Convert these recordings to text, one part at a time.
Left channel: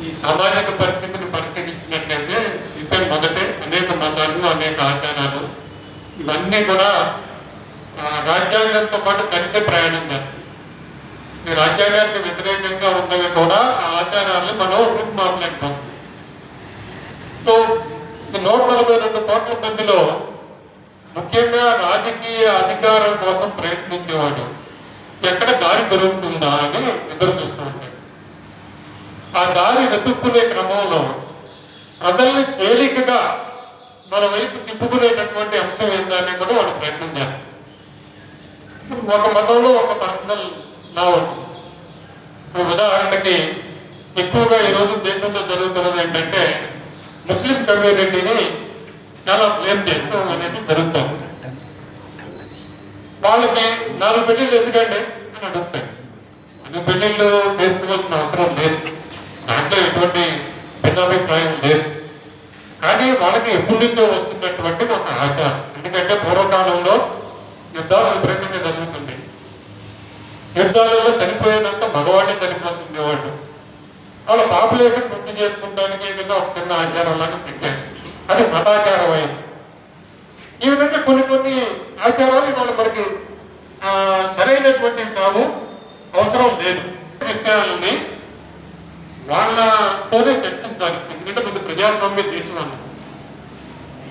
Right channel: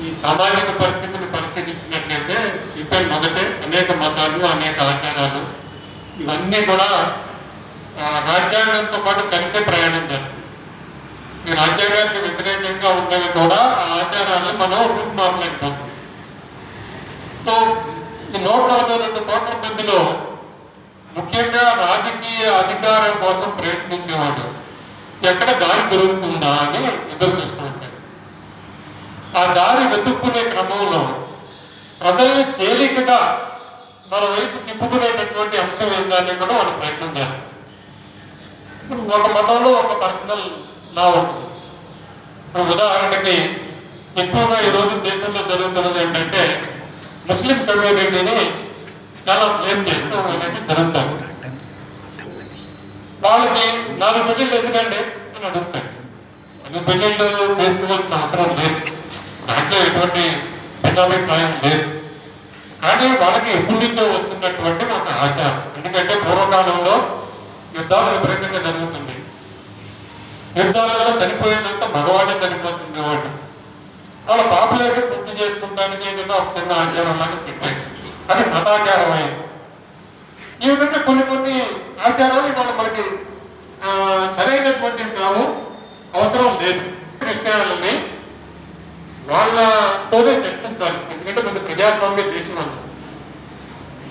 ఈ సామాజిక పరిస్థితిని పరిశీలించినట్లయితే ఇద్దరు మొదటి అనేక మతాలు అనేక ఆచారాలు. ఇవన్నీ కూడా రాజ్యాంగంతో పాటు కలిసే ప్రయాణం చేస్తుంది ఈ రాజ్యాంగానికి వ్యతిరేకంగా ఉన్నవి కూడా ఆ ఆచారాలను మనం రూపుమాపలేకపోతుంది సో నూట నలభై రెండు కోట్ల మందిలో ముఖ్యంగా రాజకీయ అధికారం కోసం ప్రయత్నించేవాడు ఎక్కడ దారి దొరుకుతుందా అని ఎదురు చూస్తూ ఉంటారు ఆ దారి వెతుక్కునే క్రమంలో ప్రజల్ని తేలికగా మన వైపు తిప్పుకునేటటువంటి అంశం ఏందని కూడా వాళ్ళు ప్రయత్నం చేస్తాం ఒక మతంలో ఒక పర్సనల్ లా ఉంటుంది. ఉదాహరణకి ఎక్కువగా ఈరోజు దేశంలో జరుగుతున్నది ఏంటంటే ముస్లిం కమ్యూనిటీని చాలా బ్లేమ్ చేస్తూ అనేది జరుగుతుంది. వాళ్ళకి నాలుగు పెళ్ళిళ్ళు ఎందుకండి అని అడుగుతాయి అది పెళ్ళిళ్ళు చేసుకోవాల్సిన అవసరం లేదు. దాంట్లో ఎటువంటి భిన్నాభిప్రాయం లేదు. కానీ వాళ్ళకి ఎప్పటి నుంచో వస్తున్నటువంటి ఒక ఆచారం. ఎందుకంటే పూర్వకాలంలో యుద్ధాలు విపరీతంగా జరుగుతుంది. యుద్ధాలలో చనిపోయేదంతా మగవాడే చనిపోతుంది వాడు. వాళ్ళ పాపులేషన్ పూర్తి చేసుకుంటానికి ఏదైనా ఒక చిన్న ఆచారం లాగా పెట్టారు. అది మతాచారం అయింది ఈ విధంగా కొన్ని కొన్ని ఆచారాలు ఇవాళ మనకి సరైనటువంటి కాదు అవసరం లేదు. విషయాలని వాళ్ళతోనే చర్చించాలి. ఎందుకంటే మన ప్రజాస్వామ్య దేశం అన్నది.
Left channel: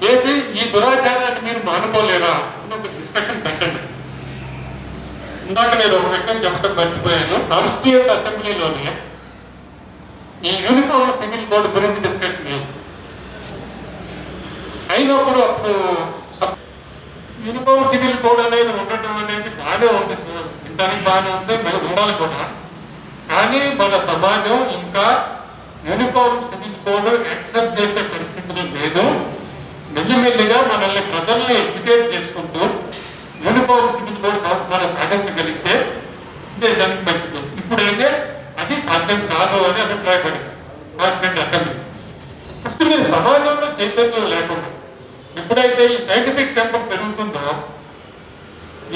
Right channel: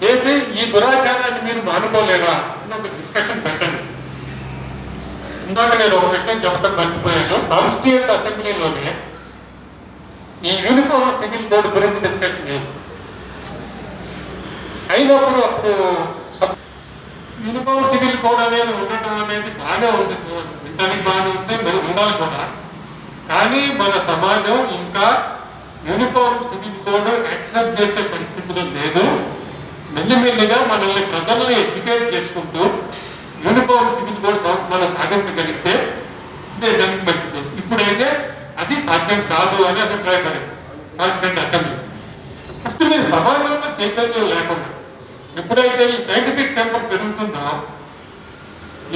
చేసి ఈ దురాచారాన్ని మీరు మానుకోలేరా అని ఒక డిస్కషన్ పెట్టండి. ఇందాక నేను ఒక విషయం చెప్పడం మర్చిపోయాను. కాన్స్టిట్యూట్ అసెంబ్లీలోనే ఈ యూనిఫామ్ సివిల్ కోడ్ గురించి డిస్కషన్ లేదు. అయినప్పుడు అప్పుడు యూనిఫామ్ సివిల్ కోడ్ అనేది ఉండటం అనేది బాగానే ఉంటుంది వింటానికి బాగానే ఉంది. ఉండాలి కూడా. కానీ మన సమాజం ఇంకా యూనిఫామ్ సివిల్ కోడ్ యాక్సెప్ట్ చేసే పరిస్థితులు లేదు. మెల్లిమెల్లిగా మనల్ని ప్రజల్ని ఎడ్యుకేట్ చేసుకుంటూ యూనిఫామ్ సివిల్ కోడ్ మనం సాధించగలిగితే దేశానికి మంచిది. ఇప్పుడైతే అది సాధ్యం కాదు అని అభిప్రాయపడింది కాన్స్టిట్యూంట్ అసెంబ్లీ ఫస్ట్ మీరు సమాజంలో చైతన్యం లేకుండా ఎప్పుడైతే ఈ సైంటిఫిక్ టెంపర్ పెరుగుతుందో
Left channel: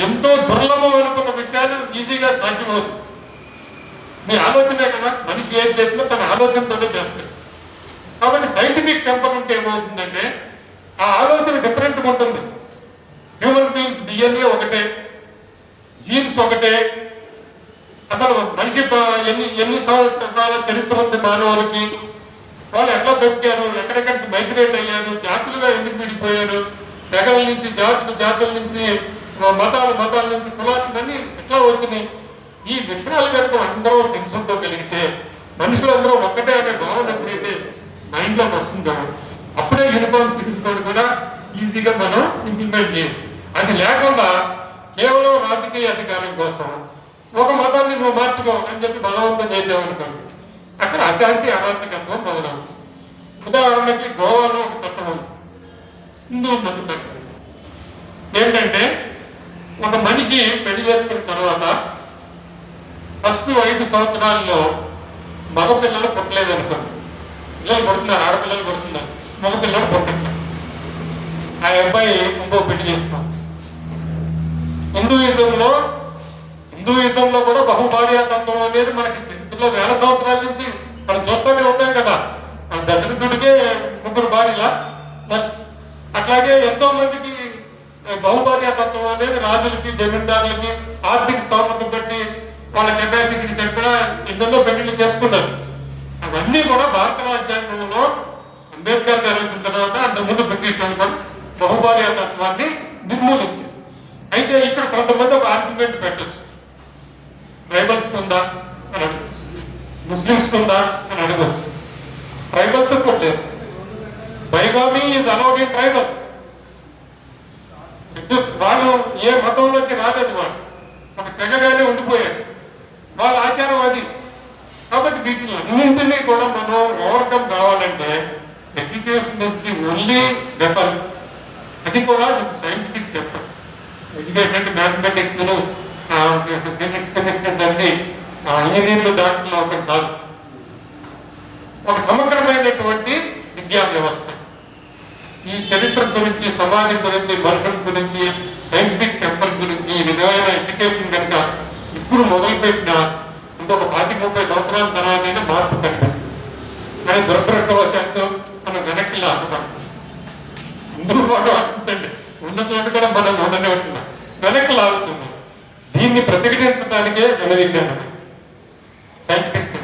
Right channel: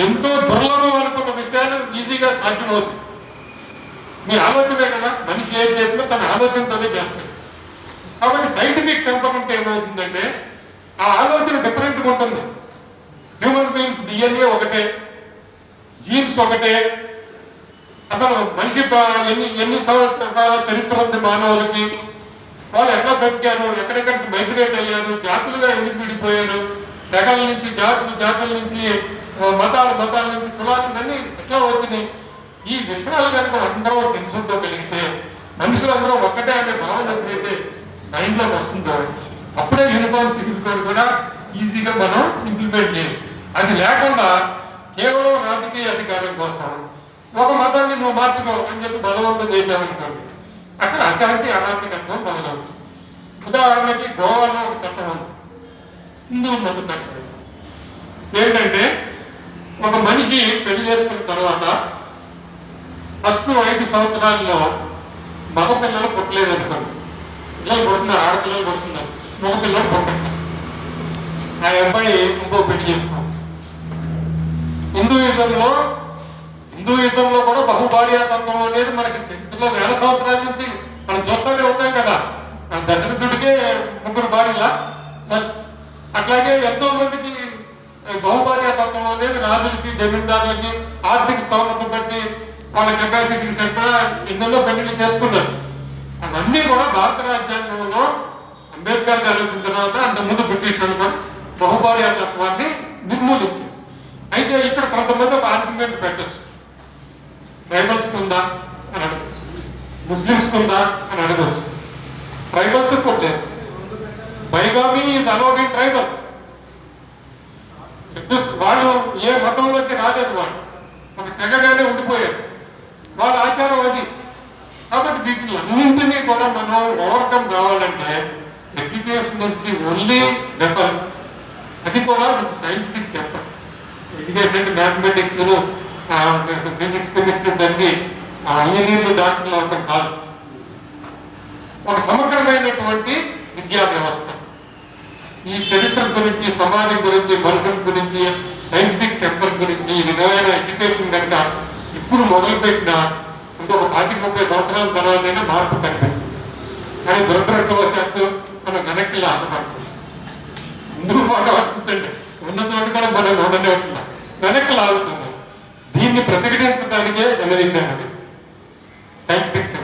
ఎంతో దుర్లభం అనుకున్న విషయాలు ఈజీగా సాధ్యమవుతుంది మీ ఆలోచనే కదా మనిషి ఏం చేసినా తన ఆలోచనతోనే చేస్తాడు కాబట్టి సైంటిఫిక్ టెంపర్ ఏమవుతుందంటే ఆ ఆలోచన డిఫరెంట్గా ఉంటుంది. హ్యూమన్ బీయింగ్స్ డిఎన్ఏ ఒకటే జీన్స్ ఒకటే అసలు మనిషి ఎన్ని ఎన్ని సంవత్సరాల చరిత్ర ఉంది మానవులకి? వాళ్ళు ఎట్లా బతికారు? ఎక్కడెక్కడికి మైగ్రేట్ అయ్యారు? జాతులుగా ఎందుకు విడిపోయారు? తెగల నుంచి జాతులు జాతుల నుంచి మతాలు మతాల నుంచి కులాలు అన్నీ ఎట్లా వచ్చినాయి? ఈ విషయాలు కనుక అందరూ తెలుసుకోగలిగితే మనుషులందరూ ఒక్కటే అనే భావన ఎప్పుడైతే మైండ్ వస్తుంటారు వస్తుందో అప్పుడే యూనిఫామ్ సిగ్నిఫికేట్ కూడా ఈజీగా మనం ఇంప్లిమెంట్ చేయొచ్చు. అది లేకుండా కేవలం రాజకీయ అధికారం కోసం ఒక మతాన్ని నువ్వు మార్చుకో అని చెప్పి బలవంతం చేసామనుకోండి అక్కడ అశాంతి అరాచకత్వం మొదలవుతుంది. ఉదాహరణకి గోవాలో ఒక చట్టం ఉంది. హిందూ మత చట్టం. ఏంటంటే ఒక మనిషి పెళ్ళి చేసుకున్న తర్వాత ఫస్ట్ ఐదు సంవత్సరాల్లో మగపిల్లలు పుట్టలేదు అనుకోండి. పిల్లలు పుడుతున్నారు ఆడపిల్లలు పుడుతున్నారు. మగ పిల్లలు ఆ అబ్బాయి ఇంకో పెళ్ళి చేసుకున్నాం హిందూయిజంలో హిందూయిజంలో కూడా బహుభార్యాతత్వం అనేది మనకి ఇందులో వేల సంవత్సరాల నుంచి మనం చూస్తూనే ఉంటాం కదా. మన దశరథుడికే ముగ్గురు భార్యల? అట్లాగే ఎంతో మందికి బహుభార్యాతత్వం అనేది రాజులకి జమీందారులకి ఆర్థిక స్తోమత బట్టి వాళ్ళ కెపాసిటీకి సరిపడా ఇందులో కమిటీ చేసుకున్నారు అవన్నీ కూడా భారత రాజ్యాంగంలో అంబేద్కర్ గారు వచ్చిన తర్వాత అంతకుముందు బ్రిటిష్ బహుభార్య తత్వాన్ని నిర్మూలించారు అయితే ఇక్కడ కొంతమంది ఒక ఆర్గ్యుమెంట్ పెట్టచ్చు. ట్రైబల్స్ ఉందా అని అడగచ్చు. ముస్లిమ్స్ ఉందా అని అడగచ్చు. ట్రైబల్స్ పోతే bigamy is allowed in tribals వాళ్ళు ఏ మతంలోకి రాలేదు వాళ్ళు. ఒక తెగగానే ఉండిపోయారు. వాళ్ళ ఆచారం అది. కాబట్టి వీటిని అన్నింటినీ కూడా మనం ఓవర్కమ్ కావాలంటే education is the only weapon అది కూడా ఒక scientific weapon education mathematics physics chemistry చదివి ఇంజనీర్లు దాంట్లో ఒకటి కాదు ఒక సమగ్రమైనటువంటి విద్యా వ్యవస్థ. ఈ చరిత్ర గురించి సమాజం గురించి భవిష్యత్ గురించి సైంటిఫిక్ టెంపర్ గురించి ఈ విధమైన ఎడ్యుకేషన్ కనుక ఇప్పుడు మొదలుపెట్టిన ఇంకొక పాతి ముప్పై సంవత్సరాల తర్వాతనే మార్పు కనిపిస్తుంది. కానీ దురదృష్టవశాత్తు మనం వెనక్కి లాగుతున్నాం ముందు కూడా ఆలోచించండి ఉన్న చోట కూడా మనం ఉండనే ఉంటున్నాం వెనక్కి లాగుతున్నాం దీన్ని ప్రతిఘటించడానికే జనవిజ్ఞానం సైంటిఫిక్